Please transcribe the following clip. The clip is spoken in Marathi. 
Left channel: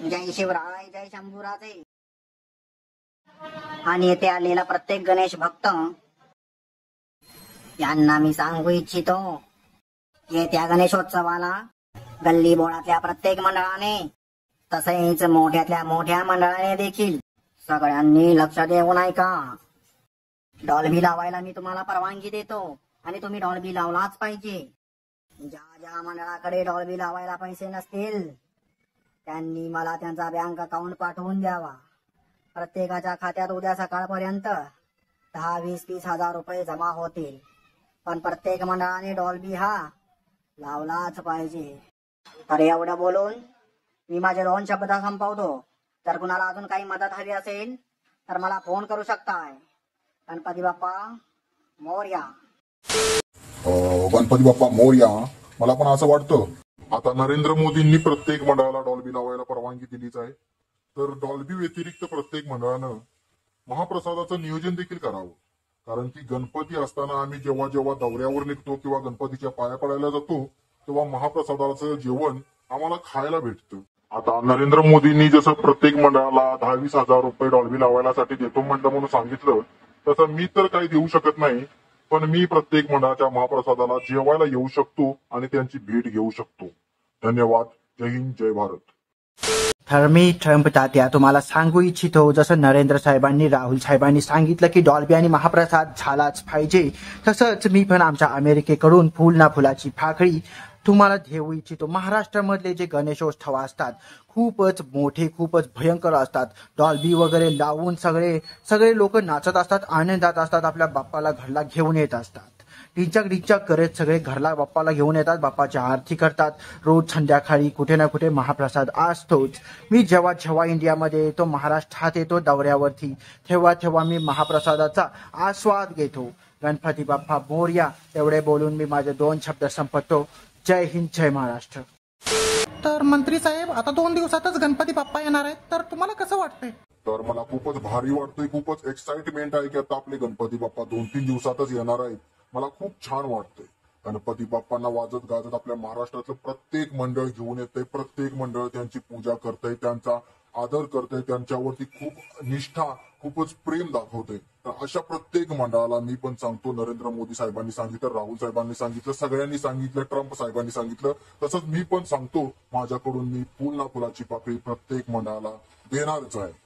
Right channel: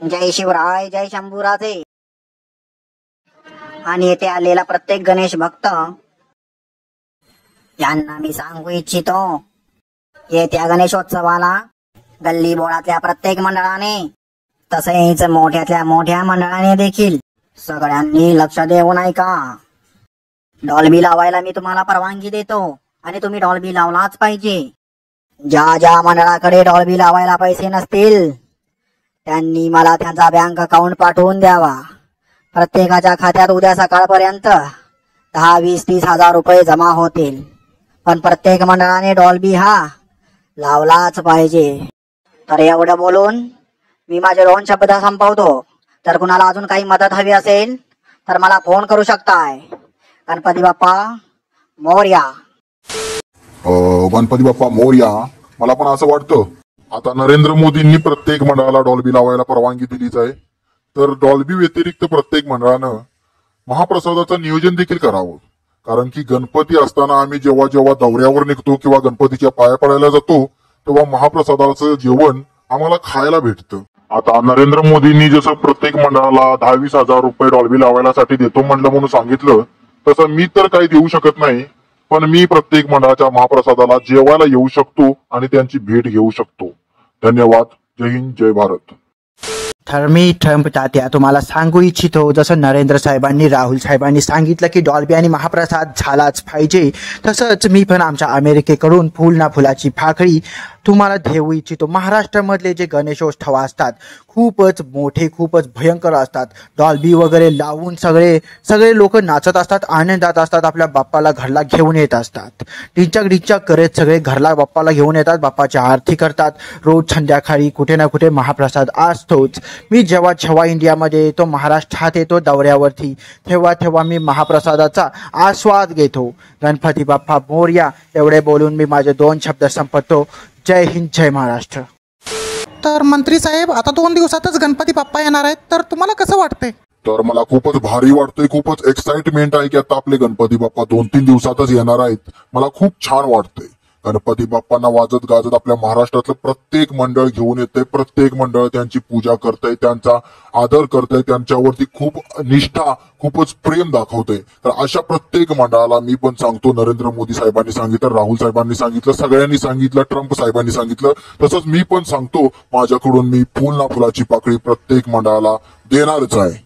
जय शिवराय, जय शंभूराजे. आणि येथे आलेला प्रत्येक गणेश भक्त यांना मी सांगू इच्छितो, येत्या गणेशोत्सवाला गल्ली बोळातल्या प्रत्येक मंडळाने तसेच मोठ्यातल्या मोठ्या मंडळाने देखील सगळ्यांनी लक्ष देऊन ऐका. डॉल्बी लावायला मी तुम्हाला परवानगी देतो आणि तुम्ही डॉल्बी लावलाच पाहिजे. ज्या ज्या मंडळाकडे डॉल्बी लावायला पैसे नसतील त्यांनी मला त्यांचा बँक अकाउंट पाठवून द्यावा. प्रत्येकाच्या खात्यात उद्या सकाळपर्यंत 10, 20, 30 हजार रुपये जमा होतील. पण प्रत्येक मंडळाने डॉल्बी हा लावलाच पाहिजे. तर एवढं बोलून मी माझे 2 शब्द संपवतो. तर कुणाला अजून काही मदत हवी असेल तर मला फोन करू शकताय. गणपती बाप्पा मोरया. गणपती बाप्पा मोरया. मला पण असं वाटतं आता नरेंद्र मोदींनी प्रत्येक मंडळाला डॉल्बी लावायला परवानगी दिलीच आहे. तर डॉल्बी व्यतिरिक्त प्रत्येक मंडळानं महाप्रसादाचं नियोजन देखील करावं. कारण की गणपती असताना आम्ही जेव्हा जेव्हा दौऱ्यावर निघतो किंवा गणपतीच्या पाया पडायला जातो तेव्हा महाप्रसादाचं जेवण आम्हाला खायला भेटतं. आता नरेंद्र मोदींनी जसं प्रत्येक मंडळाला 10-20 हजार रुपये डॉल्बी लावायसाठी देतो म्हणलं म्हणून सांगितलं, तसं मी तर काही देऊ शकत नाही. पण मी प्रत्येक मंडळाच्या महाप्रसादाला जेवायला येऊ शकतो आणि त्यांची भेट घेऊ शकतो. धन्यवाद. जय हिंद, जय भारत. तर मी ट्रम्प तात्या तुम्हाला सांगू इच्छितो, जसं नरेंद्र साहेबांनी राहुल साहेबांनी सांगितलं की डॉल्बी आणि महाप्रसाद झालाच पाहिजे, तसंच मी पण आमच्या अमेरिकेकडून फुल ना फुलाची पाकळी तुम्हाला देऊ इच्छितो. महाराष्ट्रामधले जे गणेशोत्सव असतात खूपच मोठे, खूपच भयंकर असतात. डॉल्बी वगैरे लावून सगळे लोक नाचत असतात, आनंदात असतात, आपल्या बाप्पाला घरला घेऊन येत असतात. डिंचक करत सगळे घरला बाप्पाला घेऊन येतात, बाप्पाची आरती करतात. रोज संध्याकाळी कुठे ना कुठे महाप्रसाद असतोच. मी जेव्हा इंडियामध्ये येतो, महाराष्ट्रात येतो दौऱ्यावरती, तेव्हा मी महाप्रसादाचा आस्वाद घेतो. गणपती बाप्पा मोरया. एवढे बोलून मी माझे 2 शब्द संपवतो. जय हिंद, जय महाराष्ट्र. तर मंत्री साहेब, आता 2 दिवसातच गणपती बाप्पा येणार आहेत, तर तुम्हाला कसं वाटतंय? तर मला खूपच भारी वाटतंय, खूपच एक्साइटमेंट आहे की आता आपले गणपती बाप्पा 2-3 दिवसातच येणार आहेत. मला खूप छान वाटतंय. गणपती बाप्पांना वाजत गाजत आपल्या महाराष्ट्रातलं प्रत्येक मंडळ घेऊन येतंय. प्रत्येक मंडळ त्यांची पूजा करतंय, त्यांचा आदर करतंय, त्यांच्यावरती खूप निष्ठा, खूपच प्रेम दाखवतंय. तर अशा प्रत्येक मंडळाला मी पण सांगतो, नरेंद्र मोदी साहेबांनी सांगितलं, राहुल साहेबांनी सांगितलं, सगळ्यांनी सांगितलं, ट्रम्प साहेबांनी सांगितलं, तसंच मी पण सांगतो, माझ्याकडून मी फुल ना फुलाची पाकळी प्रत्येक मंडळाला देणारच आहे.